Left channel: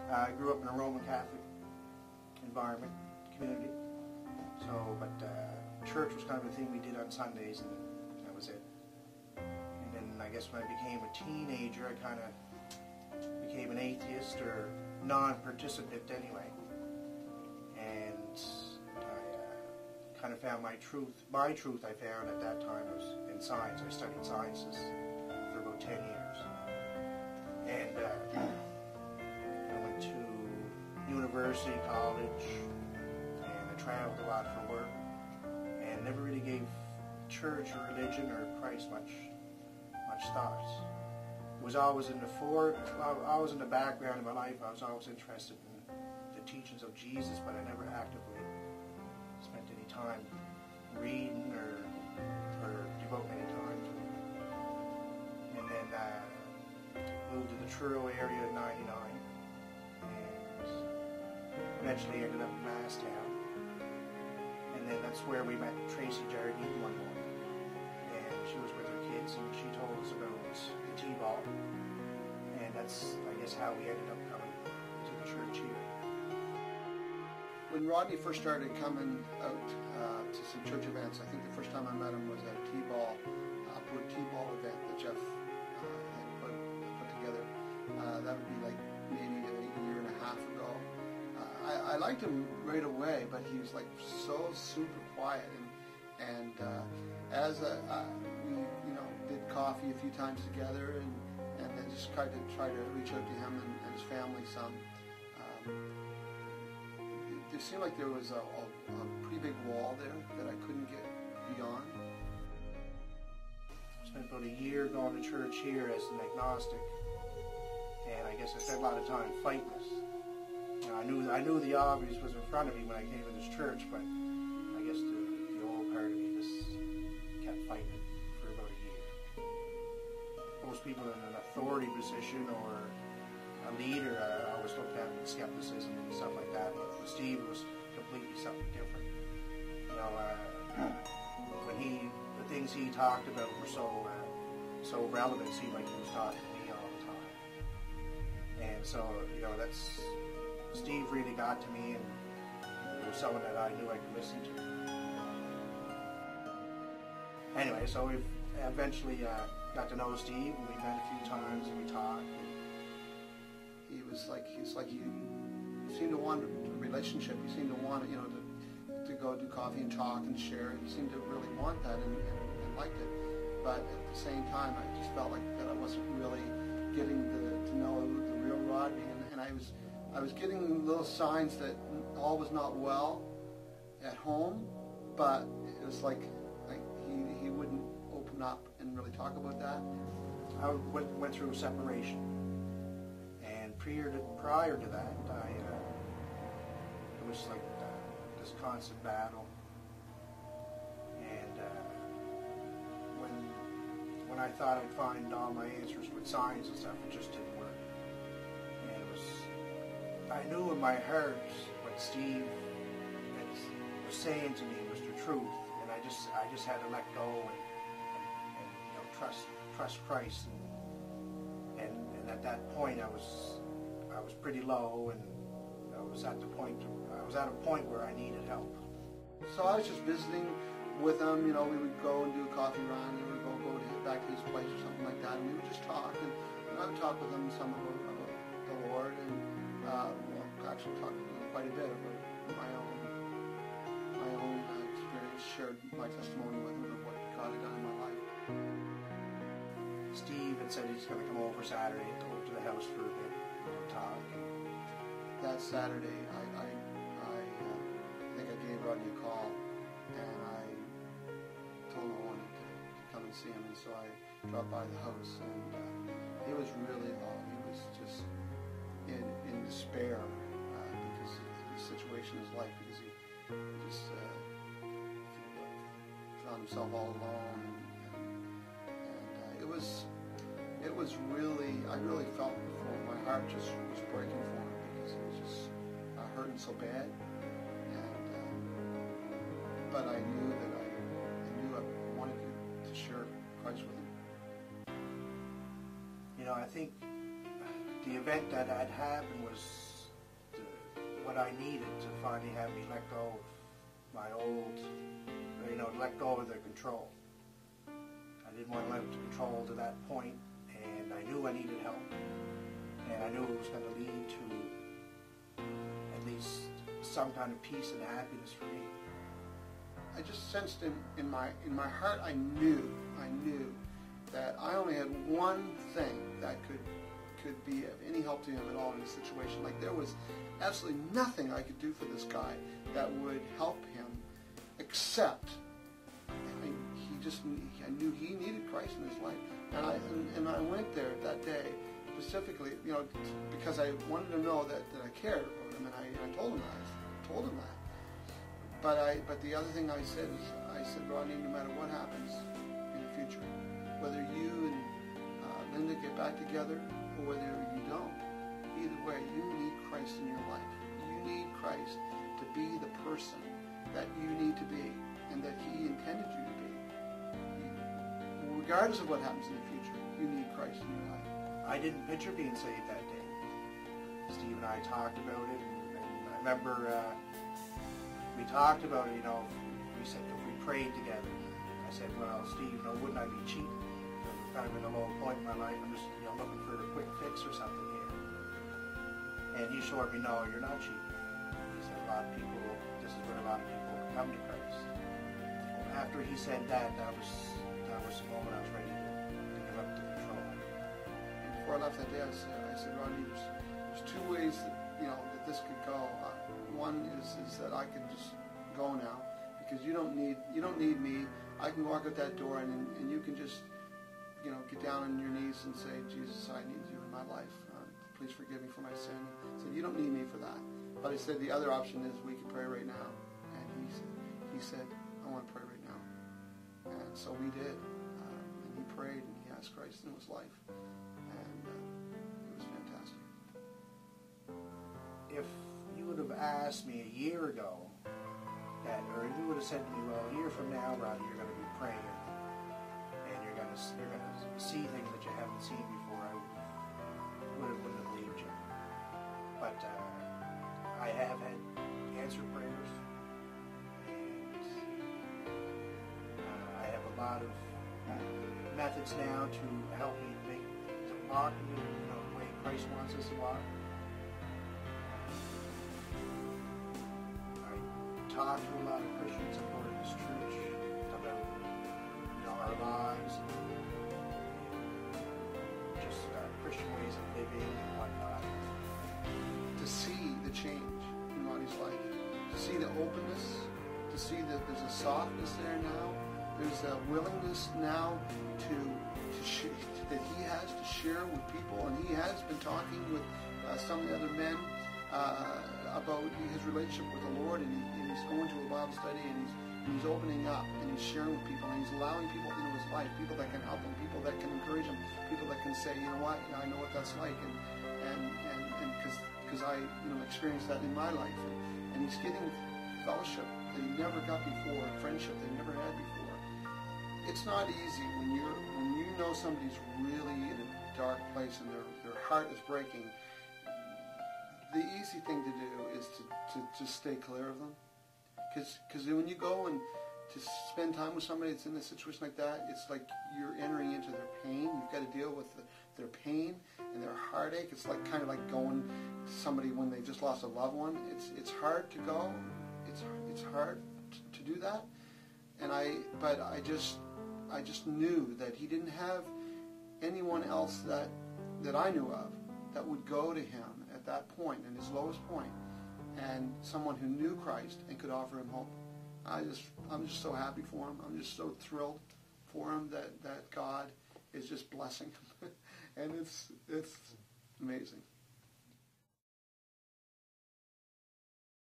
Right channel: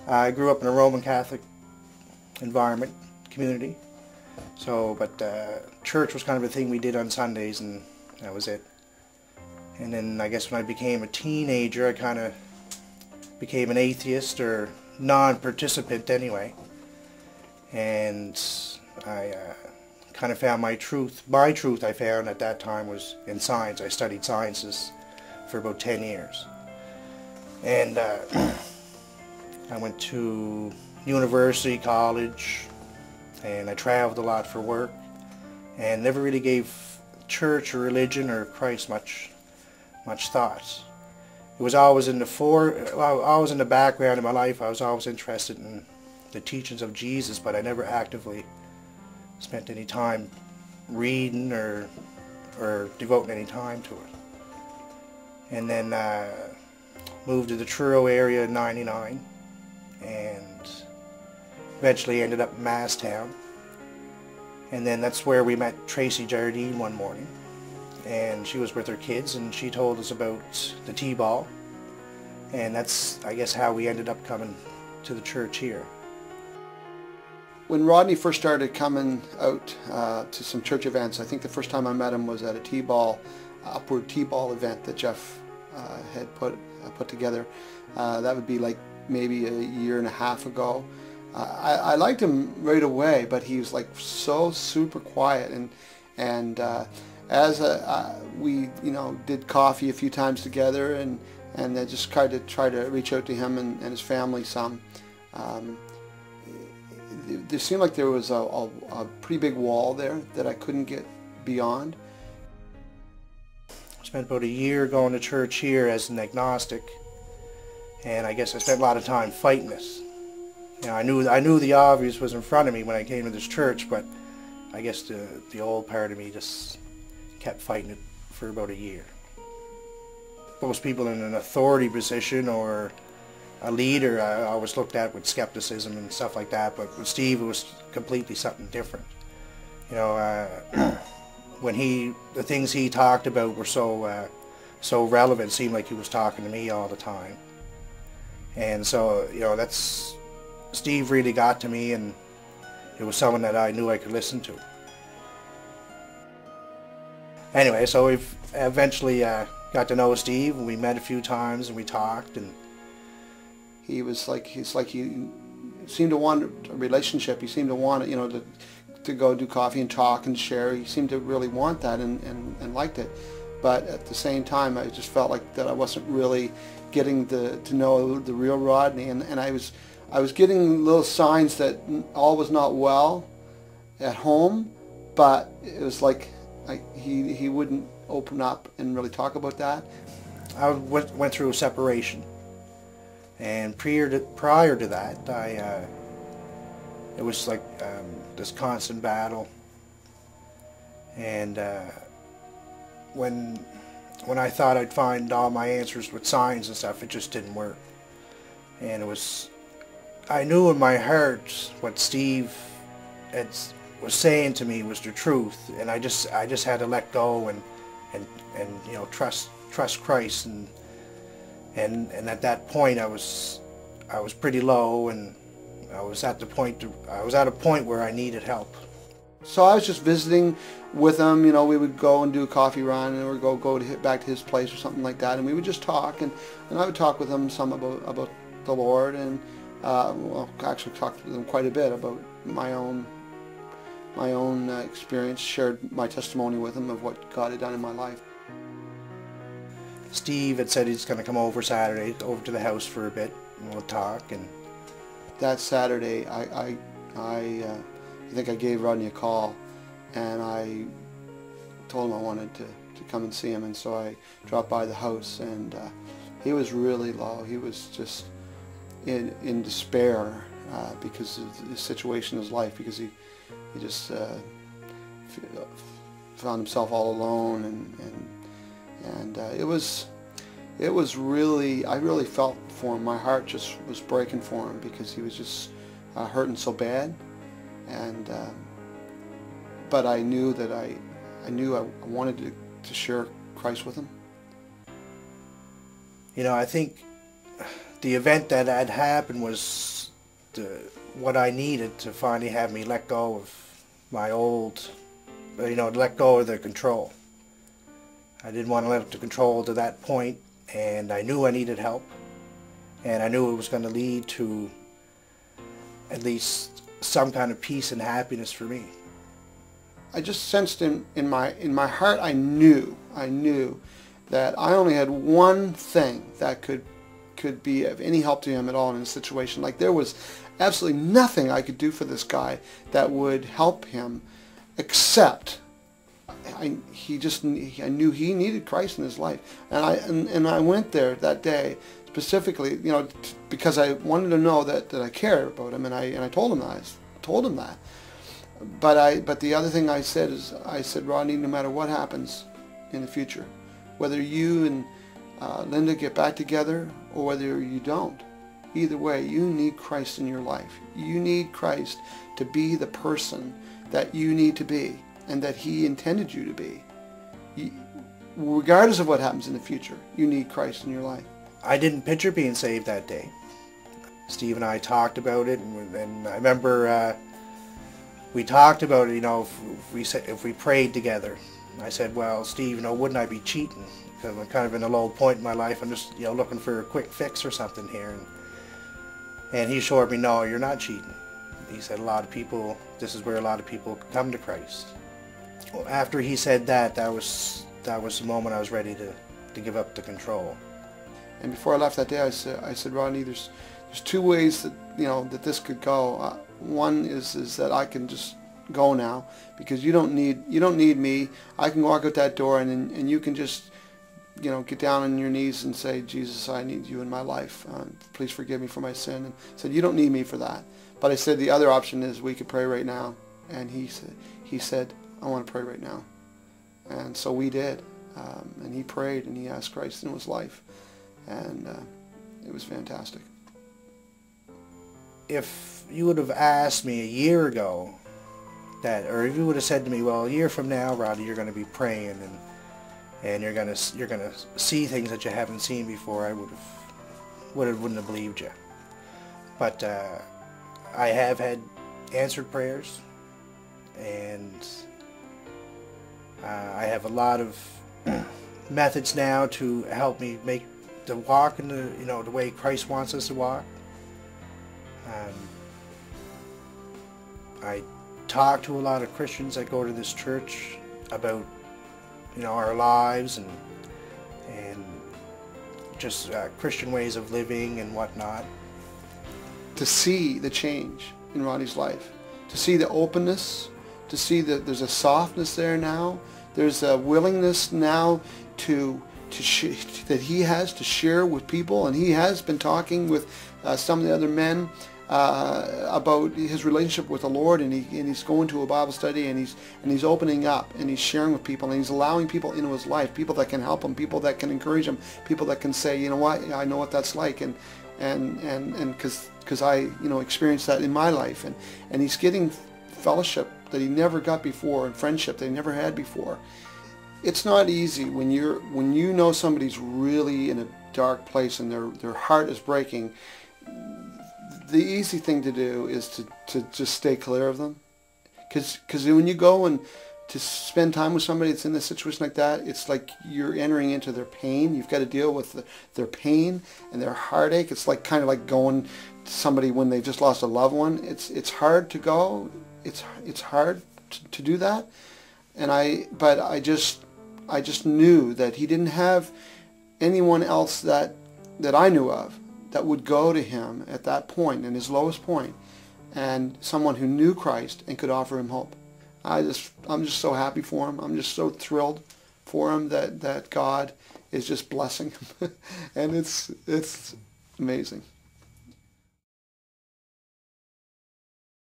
I grew up in a Roman Catholic environment, community. So, but church was kind of a thing we did on Sundays, and that was it. And then I guess when I became a teenager, I kind of became an atheist, or non-participant anyway. And I kind of found my truth. My truth, I found at that time, was in science. I studied sciences for about 10 years. And I went to university, college, and I traveled a lot for work, and never really gave church or religion or Christ much thought. It was always in the background of my life. I was always interested in the teachings of Jesus, but I never actively spent any time reading or devoting any time to it. And then moved to the Truro area in '99, and eventually ended up in Masstown. And then that's where we met Tracy Jardine one morning, and she was with her kids, and she told us about the T-ball, and that's, I guess, how we ended up coming to the church here. When Rodney first started coming out to some church events, I think the first time I met him was at a T-ball, upward T-ball event that Jeff had put together. That would be like maybe a year and a half ago. I liked him right away, but he was like so super quiet, and as we did coffee a few times together, and then just tried to reach out to him and his family some. There seemed like there was a pretty big wall there that I couldn't get beyond. I spent about a year going to church here as an agnostic, and I guess I spent a lot of time fighting it. You know, I knew the obvious was in front of me when I came to this church, but I guess the old part of me just kept fighting it for about a year. Most people in an authority position or a leader I always looked at with skepticism and stuff like that, but with Steve it was completely something different. You know, the things he talked about were so relevant. It seemed like he was talking to me all the time. And so, that's, Steve really got to me, and it was someone that I knew I could listen to. Anyway, so we've eventually got to know Steve, and we met a few times, and we talked, and he's like he seemed to want a relationship. He seemed to want to go do coffee and talk and share. He seemed to really want that and liked it. But at the same time, I just felt like that I wasn't really getting to know the real Rodney, and I was getting little signs that all was not well at home, but it was like he wouldn't open up and really talk about that. I went through a separation, and prior to that, it was like this constant battle. And when I thought I'd find all my answers with signs and stuff, it just didn't work. And I knew in my heart what Steve was saying to me was the truth, and I just had to let go and trust Christ, and at that point I was pretty low, and I was at a point where I needed help. So I was just visiting with him. We would go and do a coffee run, or go back to his place or something like that, and we would just talk, and I would talk with him some about the Lord, and actually talked with him quite a bit about my own experience, shared my testimony with him of what God had done in my life. Steve had said he's going to come over Saturday, over to the house for a bit, and we'll talk. And that Saturday, I think I gave Rodney a call, and I told him I wanted to come and see him, and so I dropped by the house, and he was really low. He was just in despair because of the situation in his life, because he just found himself all alone, and it was really, I really felt for him. My heart just was breaking for him, because he was just hurting so bad, and but I knew that I wanted to share Christ with him. I think the event that had happened was what I needed to finally have me let go of my old, let go of the control. I didn't want to let the control to that point, and I knew I needed help, and I knew it was going to lead to at least some kind of peace and happiness for me. I just sensed in my heart, I knew that I only had one thing that could be of any help to him at all in a situation. Like, there was absolutely nothing I could do for this guy that would help him, except I knew he needed Christ in his life. And I went there that day specifically, because I wanted to know that I cared about him, and I told him that. But the other thing I said is, Rodney, no matter what happens in the future, whether you and Linda get back together or whether you don't, either way, you need Christ in your life. You need Christ to be the person that you need to be and that he intended you to be. Regardless of what happens in the future, you need Christ in your life. I didn't picture being saved that day. Steve and I talked about it, and I remember we talked about it, if we prayed together. I said, well, Steve, wouldn't I be cheating? Because I'm kind of in a low point in my life. I'm just, looking for a quick fix or something here. And he assured me, no, you're not cheating. He said, this is where a lot of people come to Christ. Well, after he said that, that was the moment I was ready to give up the control. And before I left that day, I said, Rodney, there's two ways that that this could go. One is that I can just go now, because you don't need me. I can walk out that door, and you can just get down on your knees and say, Jesus, I need you in my life. Please forgive me for my sin. And I said, you don't need me for that. But I said the other option is we could pray right now. And he said, I want to pray right now. And so we did. And he prayed, and he asked Christ into his life. And it was fantastic. If you would have asked me a year ago or if you would have said to me, well, a year from now, Rodney, you're going to be praying and you're going to see things that you haven't seen before, I wouldn't have believed you. But I have had answered prayers, and I have a lot of methods now to help me make the walk in the way Christ wants us to walk. I talk to a lot of Christians that go to this church about our lives and just Christian ways of living and whatnot. To see the change in Rodney's life, to see the openness, to see that there's a softness there now, there's a willingness now that he has to share with people, and he has been talking with some of the other men about his relationship with the Lord, and he's going to a Bible study, and he's opening up, and he's sharing with people, and he's allowing people into his life, people that can help him, people that can encourage him, people that can say, you know what, I know what that's like, and because I experienced that in my life, and he's getting fellowship that he never got before, and friendship that he never had before. It's not easy when you know somebody's really in a dark place and their heart is breaking. The easy thing to do is to just stay clear of them, because when you go and to spend time with somebody that's in a situation like that, it's like you're entering into their pain. You've got to deal with their pain and their heartache. It's like kind of like going to somebody when they've just lost a loved one. It's hard to go. It's hard to do that. But I just knew that he didn't have anyone else that I knew of that would go to him at that point, in his lowest point, and someone who knew Christ and could offer him hope. I'm just so happy for him. I'm just so thrilled for him that God is just blessing him. And it's amazing.